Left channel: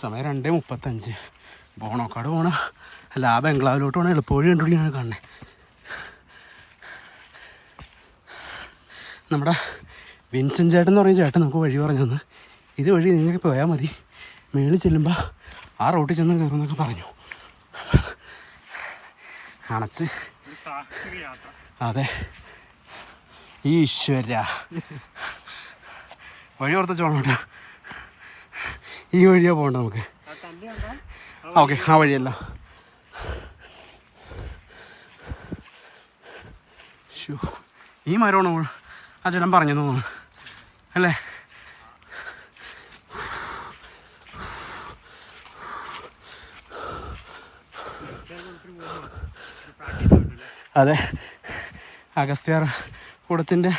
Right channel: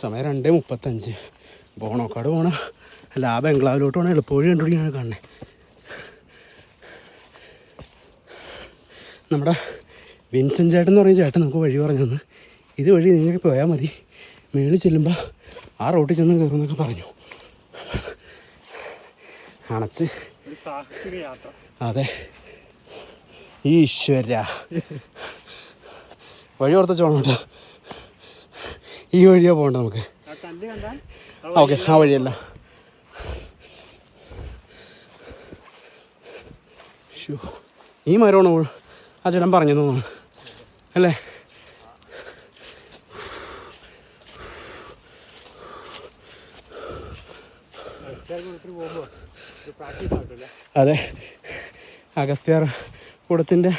സമയം 2:35. ബോണോക്കാട് പോകണം, അല്ല ആ ബംഗ്ലാവിലോട്ട് പോകണം. എളുപ്പവഴി കണ്ടുപിടിക്കാണ് കാണുന്നത്. നമ്മുടെ വിൻസെൻ്റ് ചേട്ടൻ എന്ന് പറയുന്ന ചേട്ടൻ നമുക്ക് വഴി പറഞ്ഞു തന്നു. ഇത് വഴി നിങ്ങൾക്ക് പോയാൽ മതി, മേളിൽ ചെല്ലുമ്പോൾ ആ റോട്ടിൽ ചെന്ന് കയറുമെന്നൊക്കെ പറഞ്ഞു. അണച്ച് അതെ. ഈശ്വര വഴി ഓർത്തോണം കേട്ടോ. ഈ വഴിയാ പോകണ്ട നമുക്ക്. ഓക്കെ, ആ വഴിയല്ല. ഈ മരമാണ് ആ ചേട്ടൻ പറഞ്ഞു തോന്നുന്നു അല്ലേ? അതെ, അഗസ്ത്യാർ കൂടത്തിൻ്റെ